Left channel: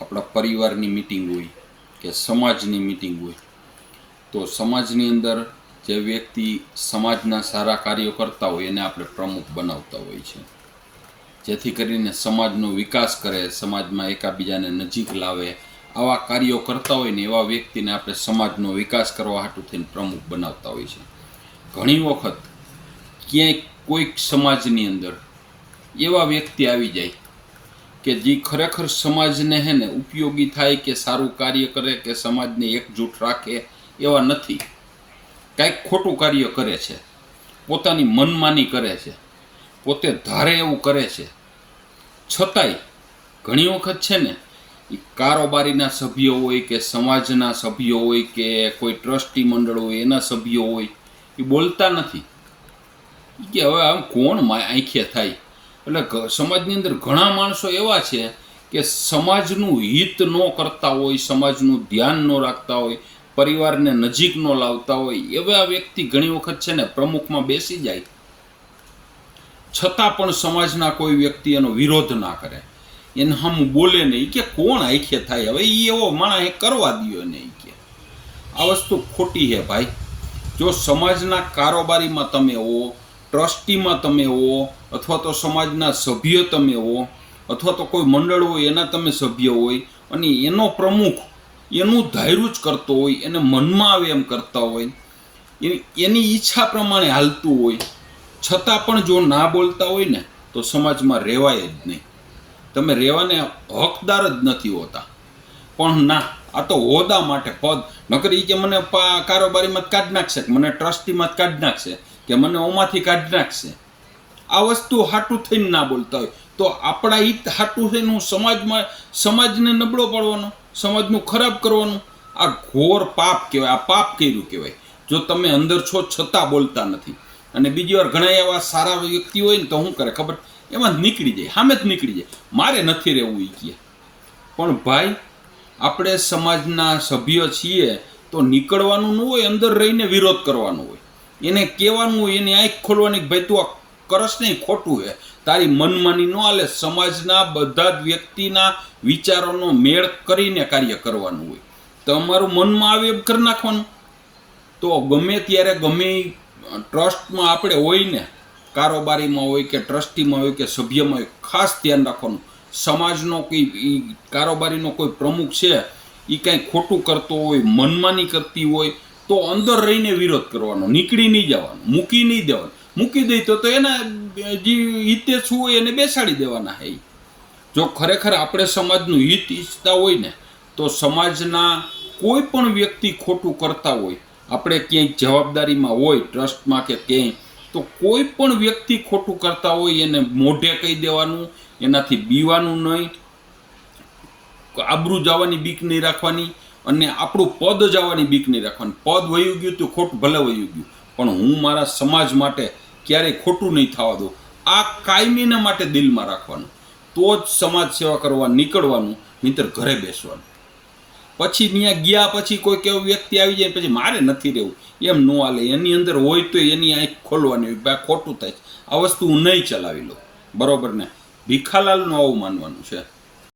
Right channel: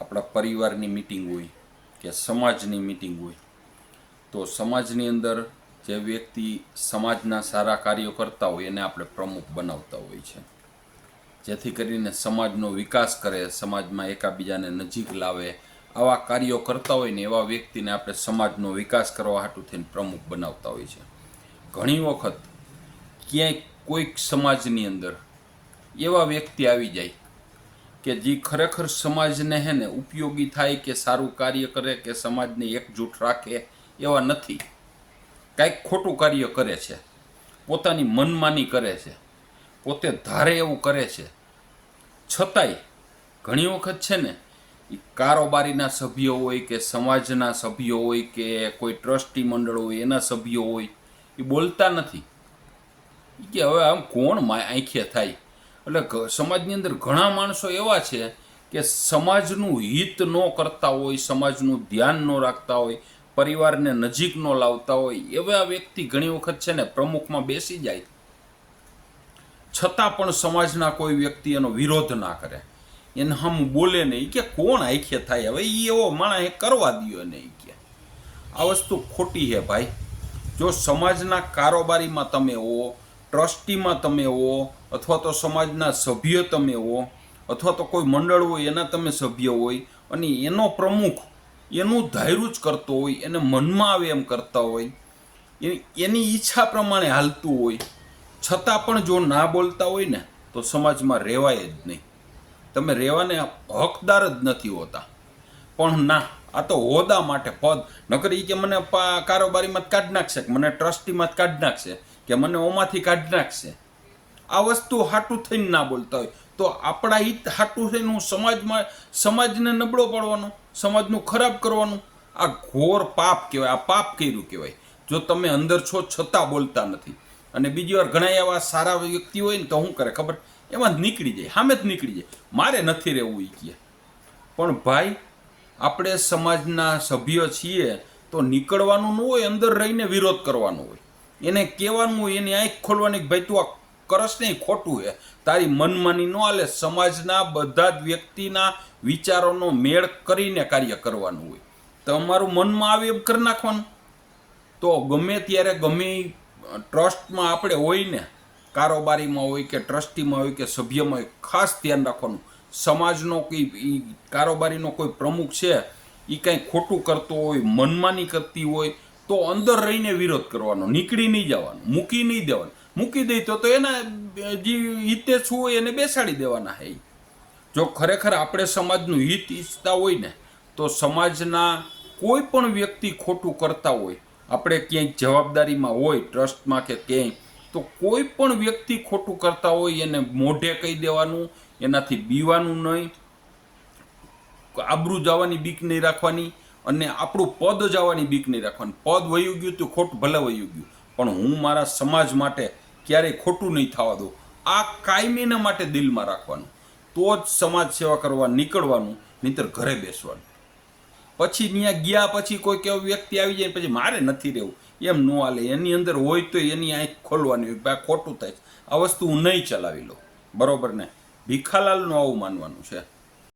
આપણા પરિવારની મિટિંગ હોય કે સમાજની મિટિંગ હોય, તો સમાજની અંદર જે વ્યક્તિ સમાજના સારા કાર્યો કરતા હોય એને આપણે પ્રમુખ બનાવતા હોય છે. જેથી કરીને સમાજનો વિકાસ કરે, સમાજમાં એકાબીજાને નજીક લાવે, આવા કાર્યો કરતા હોય ને એવા વ્યક્તિને આપણે સમાજનો વિકાસ કરવા હાટુ થઈને પ્રમુખ બનાવતા હોય છે. ઘણી વખત ક્યાંય કોઈક સમાજની અંદર એવા વ્યક્તિ આવી જાય કે જે ખરેખર સમાજને હે ને ઉપયોગી થાય કે સારું કાર્ય કરે કે સમાજને એકજૂટ રાખે એવા નથી. કાંઈક ખોટું કાર્ય કરે છે. પોતાની મનમાની કરે છે. પોતે ધારે એવું કરે છે. છતાંય ઘણી વખત છે ને એ કારોબારીના સભ્યો હોય કે સમાજના સભ્યો હોય કે કોઈ ટ્રસ્ટી મંડળ હોય એના સભ્યો હોય એ બોલતા નથી. કે હવે આમ કોણ આંખે થાય? એટલે સમાજની અંદર ઘણા માણસો એવા છે કે સમાજનું હિત ન કરતા હોય, સમાજનું ધ્યાન ન રાખતા હોય, પરિવારને નજીક ન લાવતા હોય, એવા વ્યક્તિ ઘણી વખત છે ને પ્રમુખમાં બેસી જાય. છતાં પણ સમાજના કોઈ વ્યક્તિ એનો વિરોધ ના કરે. એને હમ બોલે નહીં કે કોણ આંખે થાય? હવે એ એવો માણસ કરવા દ્યો નહીં કે. આ વસ્તુ ખોટી છે ભાઈ. જો સમાજના કારોબારીમાં તમે હો ટ્રસ્ટીમાં તમે હો અથવા તો સમાજના સભ્ય તમે હો અથવા તો કોઈ મંડળ હોય, એના તમે સભ્ય હોય, અને એનો પ્રમુખ એનું ધાર્યું જ કરતો હોય, એને મનમાં આવે એમ કરતા હોય એની ઈચ્છા પ્રમાણે હાલતું હોય. છતાં પણ જો ના બોલતા હોય ને, તો સમાજમાં રહેવાય જ નહીં. તમે રહેવાને હકદાર જ નથી હોતા. પણ ના, આ તો હોદા માટે પદ. નકર એ કે મને કારોબારીમાં જ કાઢી નાખશે મને ટ્રસ્ટીમાં જ કાઢી નાખશે. કે મને ઓમાંથી કાઢી નાખશે. આ વસ્તુ હાટું થઈને ના બોલતા હોય. તો આપણા હિત હાટું થઈને હું સમાજમાં, સમાજને નબળો પડવાનો, સમાજનું ખરાબ કરવાનું, આ ઘોર પાપ કહેવાય, આ પાપ કર્યું કહેવાય. જો તમે અંદર છો છતાં બોલતા નથી. અને બીજી વાર ઘણા એવા સારા વ્યક્તિ હોય ને તો શું કરે ખબર? એમાં નીકળી જાય, સામે જ નીકળી જાય. મારે નથી રહેવું એ કહે પણ ભાઈ, આપણે સમાજના સભ્ય છીએ તો નીકળવાનું ન હોય, અંદર રહીને વિરોધ કરવાનો હોય. એને કહેવાનું, એની આંખ ખોલવાની ભાઈ તું આ કરસ નહીં, ખોટું છે તારી મનમાની ન હાલે, સમાજના બધા જ વ્યક્તિના વિચારોનો મેળ કરીને કાર્ય કરવાનું હોય. તમારું મનમાં આવે એમ કરી નાખવાનું. તો ગમે ત્યારે ગમે ટ્રસ્ટમાં આપણે હોય ને, કારોબારીમાં હોય કે ટ્રસ્ટીમાં હોય કે સભ્યમાં હોય, ખાસ ધ્યાન રાખવાનું. સમાજનો કંઈ એ કારોબારીનો કોઈ પ્રમુખ છે એ કાંઈ ખોટું કરતો હોય, મનમાની કરતી હોય તો અંદર રહીને વિરોધ કરવાનો, નીકળી નહીં જવાનું, મૂકી નહીં દેવાનું. મૂકી દઈ તો તો એના જે હિતે શું હોય એને બેસાડી દેવાના હે. જો ખરેખર આપણે સમાજનું હિત ઈચ્છતા હોય ને, તો સમાજના કોઈ પણ વ્યક્તિ ખોટું કરતા હોય, આપણે ક્યાંય જવાબદારીમાં હોય, ટ્રસ્ટમાં કે ક્યાંય, તો કોઈ પણ વ્યક્તિ ખોટું કરતા હોય એને મોઢે કહી દેવાનું, એનાથી બીવાનું નહીં. આબરૂ જવાની બીક નહીં રાખવાની. અને આપણું પદ જવાની બીક નહીં રાખવાની. પદ વયું ગયું તો ખોટ, ભલે વયું ગયું. પણ હું મારા સમાજ માટે ક્યારેય ખોટું નહીં થવા દઉં. આ કાયમીના માટે દિલમાં રાખવાનું. તો જ સમાજ સેવા કરવા નીકળવાનું, નહીંતર ઘરે બેસવાનું. પછી ત્યાં ગયા પછી કોઈ કેવો વ્યક્તિ આવી જાય પછી મારે નથી રહેવું. એમ ન હાલે. એની અંદર હોય તો એની આંખ ખોલવાની હોય. ખોટું થાય. આ વસ્તુ હું નહીં ચલાવી લઉં. બરોબર ને? ભીખાલાલનું આવું માનવાનું છે.